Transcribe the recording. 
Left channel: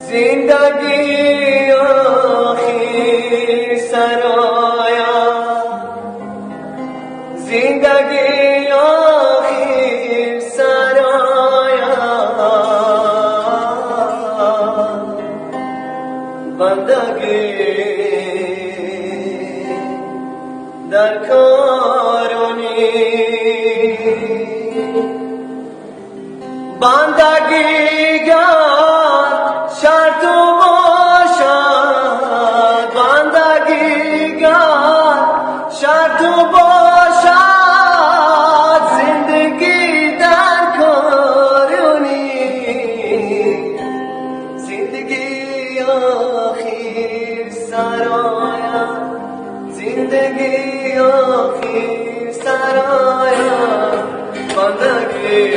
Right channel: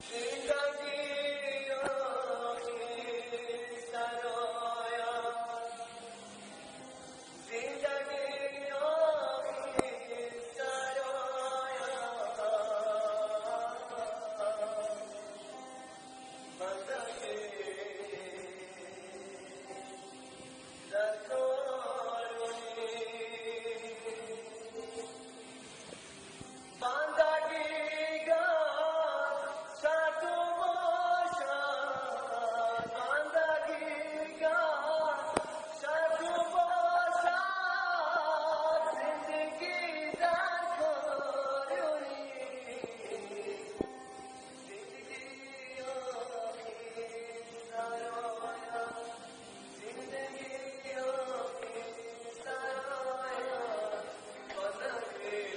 زندگی آخر سرایا، زندگی آخر سرایا، بندگی در کارونی، بندگی شرط باشد، بندگی شرط باشد، زندگی در کارونی، زندگی آخر سرایا، زندگی آخر سرایا، بندگی